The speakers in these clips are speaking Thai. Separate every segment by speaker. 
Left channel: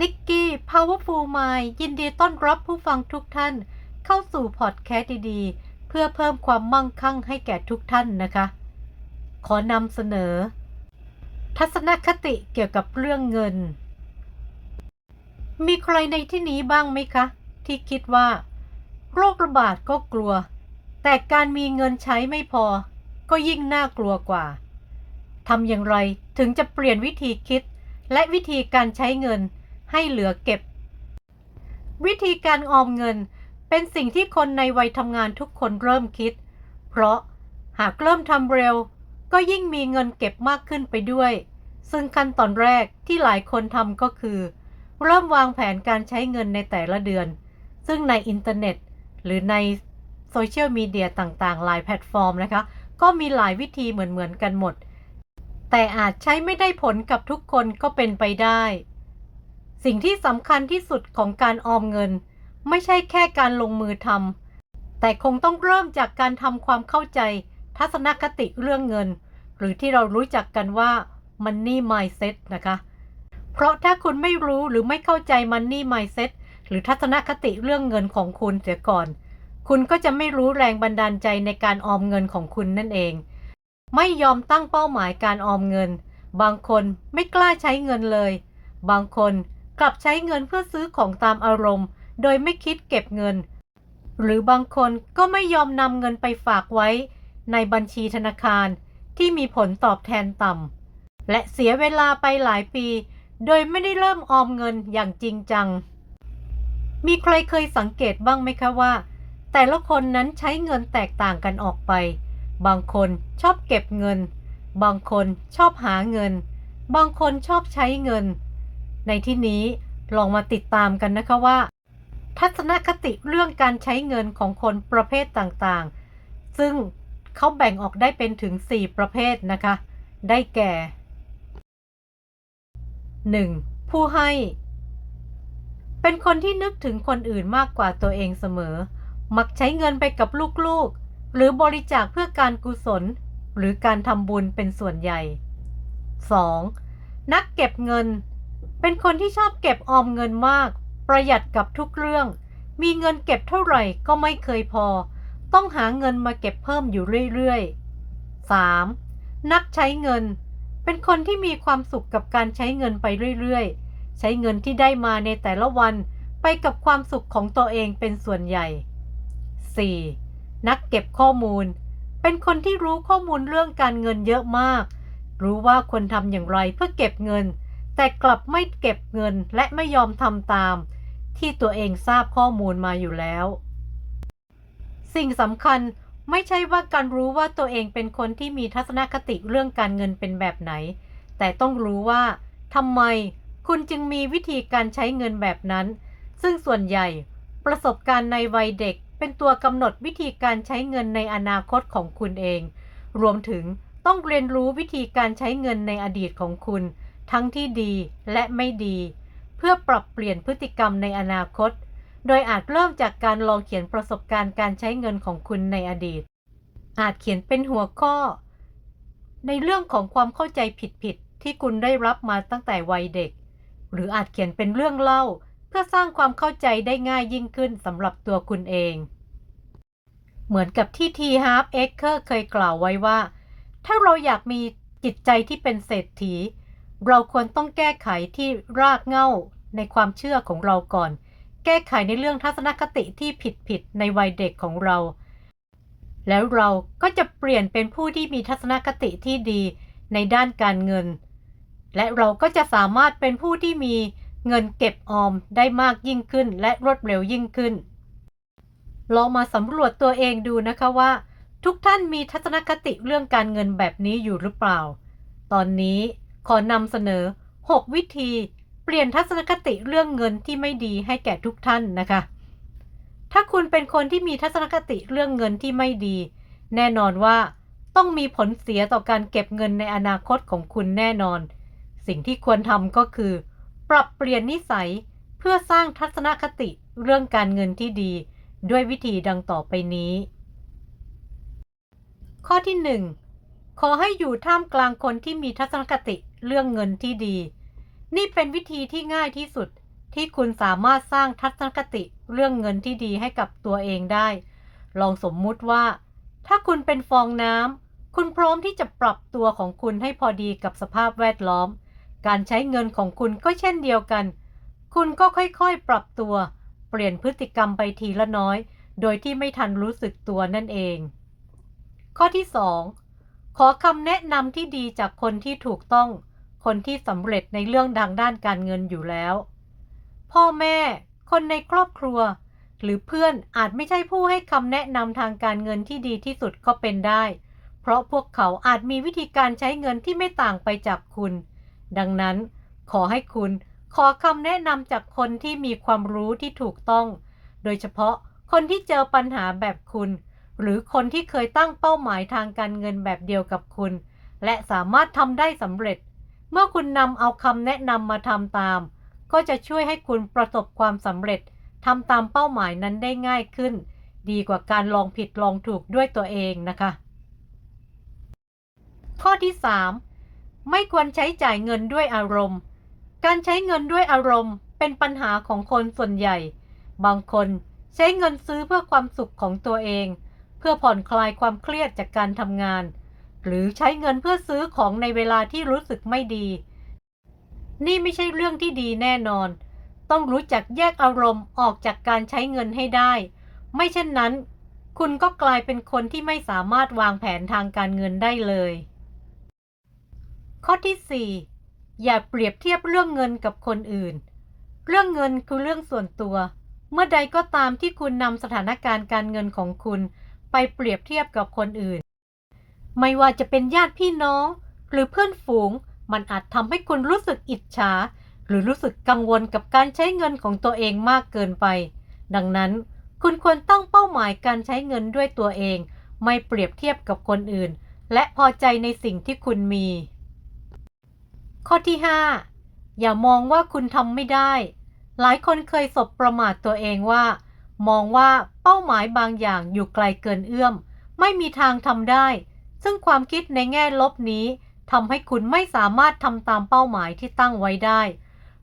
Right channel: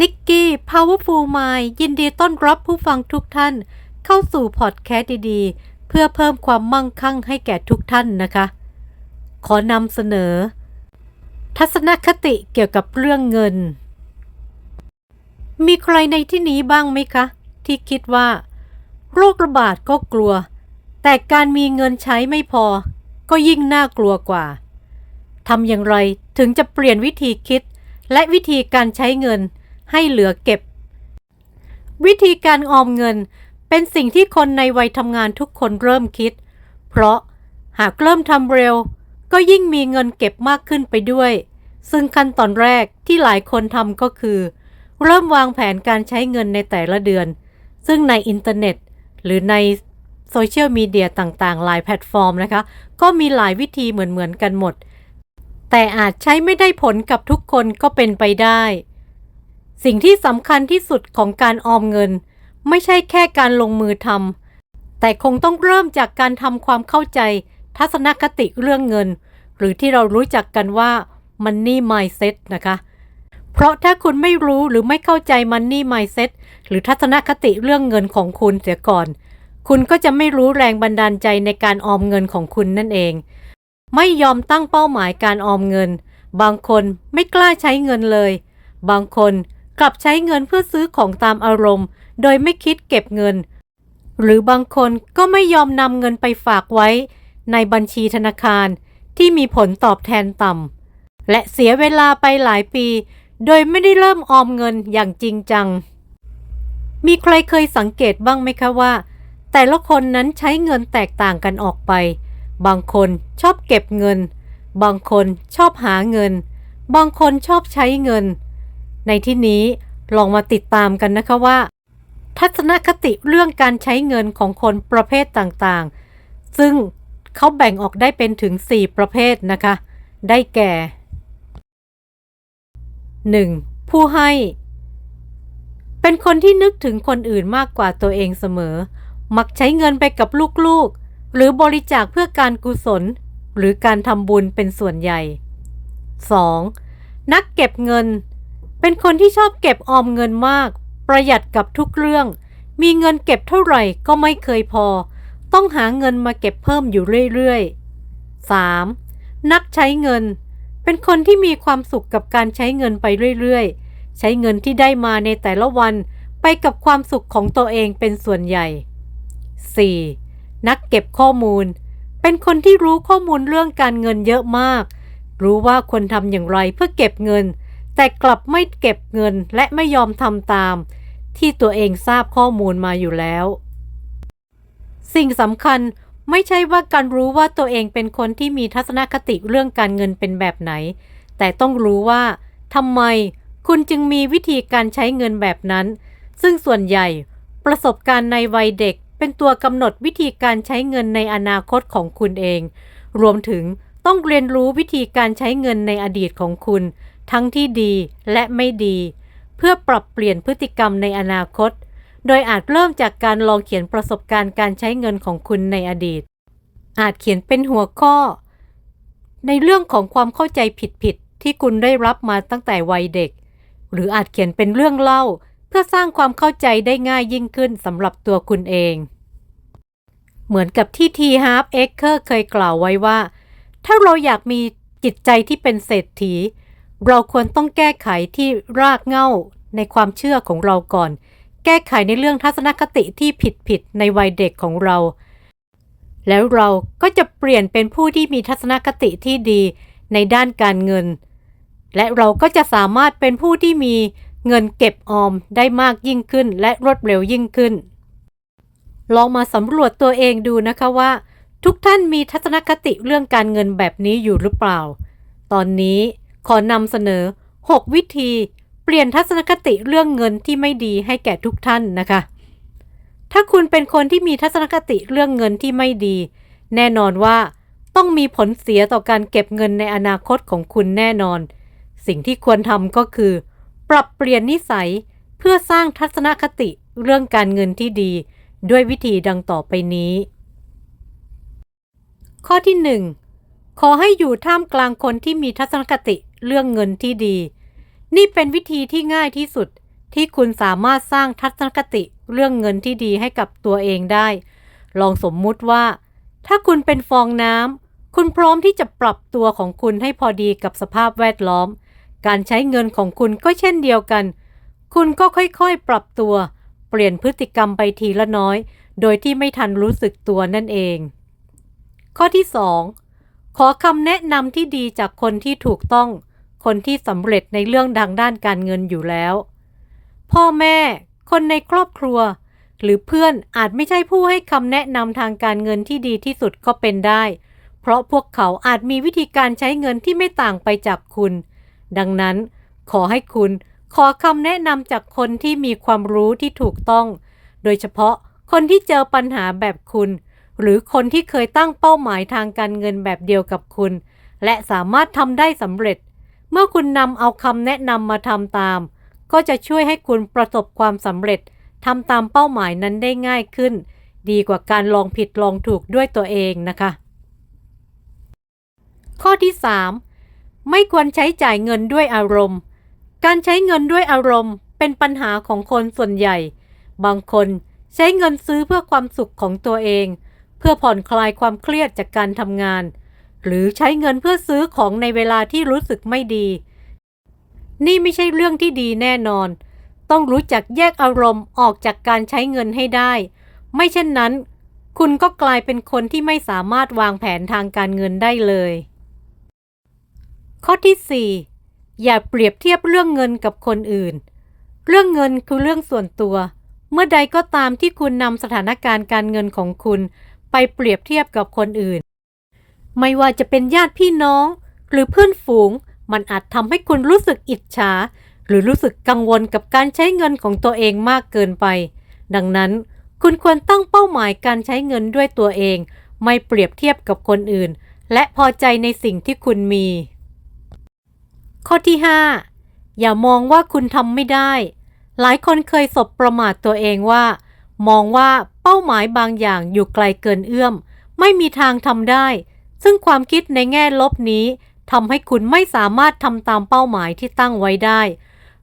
Speaker 1: นิกกี้ Powerful Mind ยินดีต้อนรับผู้ฟังทุกท่าน เข้าสู่พอดแคสต์ดีๆ เพื่อเพิ่มความมั่งคั่งให้แก่ทุกท่านนะคะ ขอนำเสนอ ทัศนคติเกี่ยวกับเรื่องเงิน มีใครในที่นี้บ้างไหมคะ ที่คิดว่าโรคระบาดก็กลัว แต่การมีเงินใช้ไม่พอ ก็ยิ่งน่ากลัวกว่าทำอย่างไรถึงจะเปลี่ยนวิธีคิดและวิธีการใช้เงิน ให้เหลือเก็บ วิธีการออมเงินเป็นสิ่งที่คนในวัยทำงานทุกคนเริ่มคิด เพราะหากเริ่มทำเร็ว ก็ยิ่งมีเงินเก็บมากขึ้นไปด้วย ซึ่งขั้นตอนแรกที่หลายคนทำก็คือ เริ่มวางแผนการใช้เงินในแต่ละเดือน ซึ่งในอินเทอร์เน็ต หรือในโซเชียลมีเดียต่างๆ หลายแพลตฟอร์มนะคะ ก็มีหลายวิธีเหมือนๆกันหมด แต่อาจใช้ไม่ได้ผลกับทุกคนก็เป็นไปได้ สิ่งที่สำคัญที่สุดของการออมเงิน ไม่ใช่แค่การลงมือทำแต่คงต้องเริ่มจากการทำความเข้าใจ ทัศนคติเรื่องเงิน หรือที่เรารู้จักกันว่า Money Mindset นะคะ เพราะถ้าคุณไม่รู้หรือไม่เข้าใจ Money Mindset หรือทัศนคติเรื่องเงินของคุณเสียก่อน คุณก็จะไม่รู้แรงบันดาลใจในการออมเงินของคุณนั่นเอง ไม่ยอมตั้งเป้าหมายการออมเงิน บางคนไม่กล้าใช้เงินเลย บางคน กลับใช้เงินเพื่อซื้อของตามอารมณ์ โดยไม่คิดเก็บเงิน หรือบางคนก็ไม่ยอมนำเงินไปฝากไว้ ในบัญชีธนาคารที่มีผลตอบแทนต่ำและเสียเวลาไปหลายปี โดยไม่ได้เริ่มออมเงินอย่างจริงจัง มีใครเคยสังเกตบ้างไหมคะว่า แต่ละคนนั้นใช้เงินแตกต่างกันออกไป บางคนชอบเก็บเงิน บางคนชอบหาเงิน บางคนชอบใช้เงิน ในที่นี้ลองมาติดตามกันนะคะว่า ทัศนคติเรื่องการใช้เงินของคนประเภทต่างๆ ซึ่งเขาแบ่งออกได้เป็นถึง 4 ประเภทนะคะ ได้แก่ 1. ผู้ให้ เป็นคนที่นึกถึงคนอื่นมากกว่าตัวเองเสมอ มักใช้เงินไปกับลูกๆ หรือบริจาคเพื่อการกุศล หรือการทำบุญเป็นส่วนใหญ่ 2. นักเก็บเงิน เป็นคนที่ชอบเก็บออมเงินมาก ประหยัดกับทุกเรื่อง มีเงินเก็บเท่าไหร่ก็ไม่เคยพอ ต้องหาเงินมาเก็บเพิ่มอยู่เรื่อยๆ 3. นักใช้เงิน เป็นคนที่มีความสุขกับการใช้เงินไปเรื่อยๆ ใช้เงินที่ได้มาในแต่ละวันไปกับความสุขของตัวเองเป็นส่วนใหญ่ 4. นักเก็บข้อมูล เป็นคนที่รู้ข้อมูลเรื่องการเงินเยอะมาก รู้ว่าควรทำอย่างไรเพื่อเก็บเงิน แต่กลับไม่เก็บเงินและไม่ยอมทำตาม ที่ตัวเองทราบข้อมูลมาอยู่แล้ว สิ่งสำคัญไม่ใช่ว่าการรู้ว่าตัวเองเป็นคนที่มีทัศนคติเรื่องการเงินเป็นแบบไหน แต่ต้องรู้ว่าทำไมคุณจึงมีวิธีการใช้เงินแบบนั้น ซึ่งส่วนใหญ่ประสบการณ์ในวัยเด็กเป็นตัวกำหนดวิธีการใช้เงินในอนาคตของคุณเอง รวมถึงต้องเรียนรู้วิธีการใช้เงินในอดีตของคุณ ทั้งที่ดีและไม่ดี เพื่อปรับเปลี่ยนพฤติกรรมในอนาคต โดยอาจเริ่มจากการลองเขียนประสบการณ์การใช้เงินของคุณในอดีต อาจเขียนเป็นหัวข้อ ในเรื่องของความเข้าใจผิดๆที่คุณได้รับมาตั้งแต่วัยเด็ก หรืออาจเขียนเป็นเรื่องเล่า เพื่อสร้างความเข้าใจได้ง่ายยิ่งขึ้นสำหรับตัวคุณเอง เหมือนกับที่ทีฮาร์ฟเอ็กเคอร์เคยกล่าวไว้ว่า ถ้าเราอยากมีจิตใจที่เป็นเศรษฐี เราควรต้องแก้ไขที่รากเหง้าในความเชื่อของเราก่อน แก้ไขในเรื่องทัศนคติที่ผิดๆในวัยเด็กของเรา แล้วเราก็จะเปลี่ยนเป็นผู้ที่มีทัศนคติที่ดีในด้านการเงิน และเราก็จะสามารถเป็นผู้ที่มีเงินเก็บออมได้มากยิ่งขึ้น และรวดเร็วยิ่งขึ้น ลองมาสำรวจตัวเองดูนะคะว่า ทุกท่านมีทัศนคติเรื่องการเงินแบบนี้อยู่หรือเปล่า ตอนนี้ ขอนำเสนอ 6 วิธีเปลี่ยนทัศนคติเรื่องเงินที่ไม่ดีให้แก่ทุกท่านนะคะ ถ้าคุณเป็นคนที่มีทัศนคติเรื่องเงินที่ไม่ดี แน่นอนว่าต้องมีผลเสียต่อการเก็บเงินในอนาคตของคุณแน่นอน สิ่งที่ควรทำก็คือ ปรับเปลี่ยนนิสัยเพื่อสร้างทัศนคติเรื่องการเงินที่ดี ด้วยวิธีดังต่อไปนี้ ข้อที่ 1 ขอให้อยู่ท่ามกลางคนที่มีทัศนคติ เรื่องเงินที่ดี นี่เป็นวิธีที่ง่ายที่สุดที่คุณสามารถสร้างทัศนคติเรื่องเงินที่ดีให้กับตัวเองได้ ลองสมมุติว่า ถ้าคุณเป็นฟองน้ำคุณพร้อมที่จะปรับตัวของคุณให้พอดีกับสภาพแวดล้อม การใช้เงินของคุณก็เช่นเดียวกัน คุณก็ค่อยๆปรับตัว เปลี่ยนพฤติกรรมไปทีละน้อย โดยที่ไม่ทันรู้สึกตัวนั่นเอง ข้อที่ 2 ขอคำแนะนำที่ดีจากคนที่ถูกต้อง คนที่สำเร็จในเรื่องทางด้านการเงินอยู่แล้ว พ่อแม่ คนในครอบครัว หรือเพื่อนอาจไม่ใช่ผู้ให้คำแนะนำทางการเงินที่ดีที่สุดก็เป็นได้ เพราะพวกเขาอาจมีวิธีการใช้เงินที่ไม่ต่างไปจากคุณ ดังนั้น ขอให้คุณขอคำแนะนำจากคนที่มีความรู้ที่ถูกต้อง โดยเฉพาะคนที่เจอปัญหาแบบคุณ หรือคนที่เคยตั้งเป้าหมายทางการเงินแบบเดียวกับคุณ และสามารถทำได้สำเร็จ เมื่อคุณนำเอาคำแนะนำมาทำตาม ก็จะช่วยให้คุณประสบความสำเร็จทำตามเป้าหมายนั้นได้ง่ายขึ้น ดีกว่าการลองผิดลองถูกด้วยตัวเองนะคะ ข้อที่ 3 ไม่ควรใช้จ่ายเงินด้วยอารมณ์ การใช้เงินด้วยอารมณ์ เป็นปัญหาของคนส่วนใหญ่ บางคนใช้เงินซื้อเพื่อความสุขของตัวเอง เพื่อผ่อนคลายความเครียดจากการทำงาน หรือใช้เงินเพื่อซื้อของในเวลาที่รู้สึกไม่ดี นี่ไม่ใช่เรื่องที่ดีแน่นอน ต้องรู้จักแยกอารมณ์ออกจากการใช้เงินให้ได้ ไม่เช่นนั้น คุณก็กลายเป็นคนที่ไม่สามารถวางแผนทางการเงินได้เลย ข้อที่ 4 อย่าเปรียบเทียบเรื่องเงินกับคนอื่น เรื่องเงินคือเรื่องส่วนตัว เมื่อใดก็ตามที่คุณนำสถานการณ์การเงินของคุณ ไปเปรียบเทียบกับคนอื่น ไม่ว่าจะเป็นญาติพี่น้อง หรือเพื่อนฝูง มันอาจทำให้คุณรู้สึกอิจฉา หรือรู้สึกกังวลกับการใช้เงินของตัวเองมากเกินไป ดังนั้น คุณควรตั้งเป้าหมายการใช้เงินด้วยตัวเอง ไม่เปรียบเทียบกับคนอื่น และพอใจในสิ่งที่คุณมี ข้อที่ 5 อย่ามองว่าคุณทำไม่ได้ หลายคนเคยสบประมาทตัวเองว่า มองว่าเป้าหมายบางอย่างอยู่ไกลเกินเอื้อม ไม่มีทางทำได้ ซึ่งความคิดในแง่ลบนี้ทำให้คุณไม่สามารถทำตามเป้าหมายที่ตั้งไว้ได้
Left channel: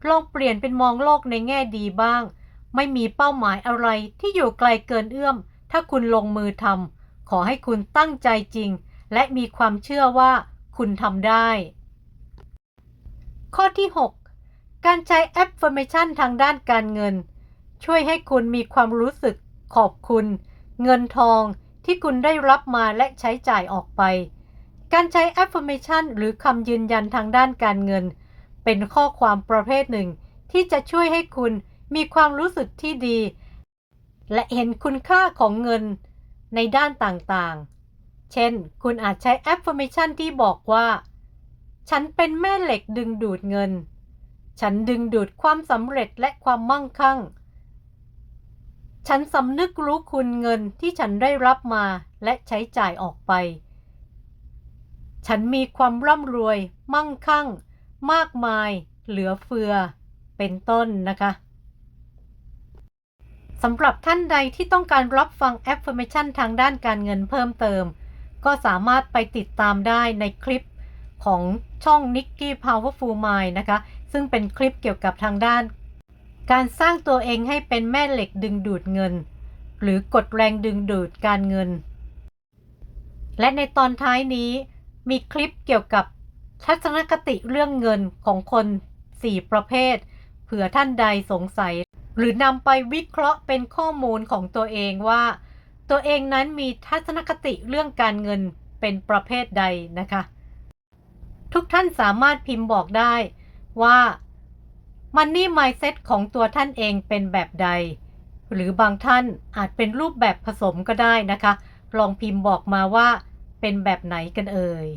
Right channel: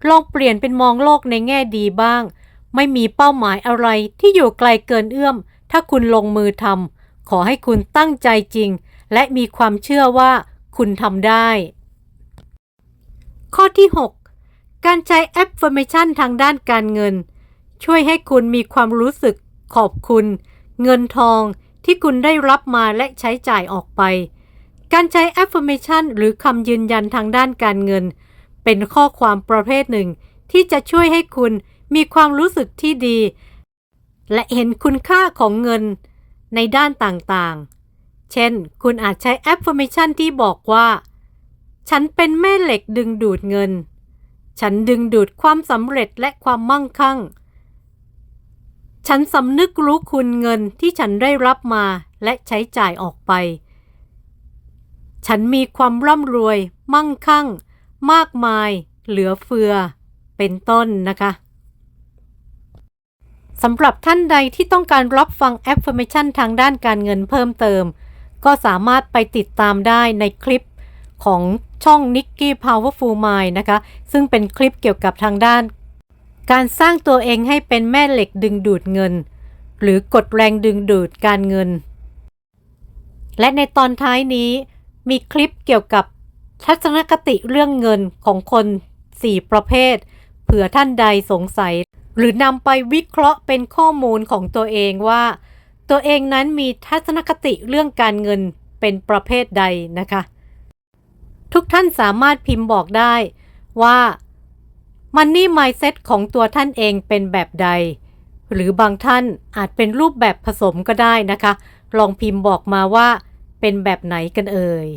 Speaker 1: ลองเปลี่ยนเป็นมองโลกในแง่ดีบ้าง ไม่มีเป้าหมายอะไรที่อยู่ไกลเกินเอื้อม ถ้าคุณลงมือทำขอให้คุณตั้งใจจริง และมีความเชื่อว่าคุณทำได้ ข้อที่ 6 การใช้ affirmation ทางด้านการเงิน ช่วยให้คุณมีความรู้สึกขอบคุณ เงินทอง ที่คุณได้รับมาและใช้จ่ายออกไป การใช้ affirmation หรือคำยืนยันทางด้านการเงิน เป็นข้อความประเภทหนึ่ง ที่จะช่วยให้คุณมีความรู้สึกที่ดี และเห็นคุณค่าของเงินในด้านต่างๆ เช่น คุณอาจใช้ affirmation ที่บอกว่า ฉันเป็นแม่เหล็กดึงดูดเงิน ฉันดึงดูดความสำเร็จและความมั่งคั่ง ฉันสำนึกรู้คุณเงินที่ฉันได้รับมาและใช้จ่ายออกไป ฉันมีความร่ำรวย มั่งคั่ง มากมาย เหลือเฟือ เป็นต้นนะคะสำหรับท่านใดที่ต้องการรับฟัง affirmation ทางด้านการเงินเพิ่มเติม ก็สามารถไปติดตามได้ในคลิปของช่อง Nicky Powerful Mind นะคะ ซึ่งเป็นคลิปเกี่ยวกับทางด้าน การสร้างตัวเองให้เป็นแม่เหล็กดึงดูดเงิน หรือกดแรงดึงดูดการเงิน และในตอนท้ายนี้มีคลิปเกี่ยวกับทัศนคติเรื่องเงินของคน 4 ประเภท เผื่อท่านใดสงสัย หรือนำไปวิเคราะห์เป็นข้อมูลของตัวเองว่า ตัวเองนั้นมีทัศนคติเรื่องการเงินเป็นประเภทใดนะคะ ทุกท่านสามารถพิมพ์บอกได้ว่า Money Mindset ของตัวท่านเองเป็นแบบใด หรือบางท่านอาจเป็นรูปแบบผสมก็ได้นะคะ ลองพิมพ์บอกมาว่าเป็นแบบไหนกันเอ่ย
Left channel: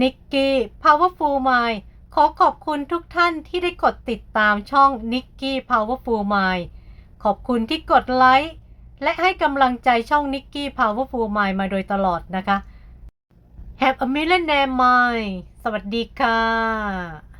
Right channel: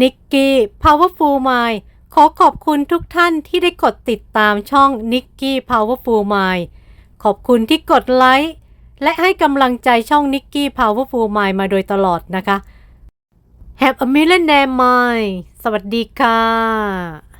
Speaker 1: นิกกี้ Powerful Mind ขอขอบคุณทุกท่านที่ได้กดติดตามช่องนิกกี้ Powerful Mind ขอบคุณที่กดไลค์และให้กำลังใจช่องนิกกี้ Powerful Mind มาโดยตลอดนะคะ Have a millionaire mind สวัสดีค่ะ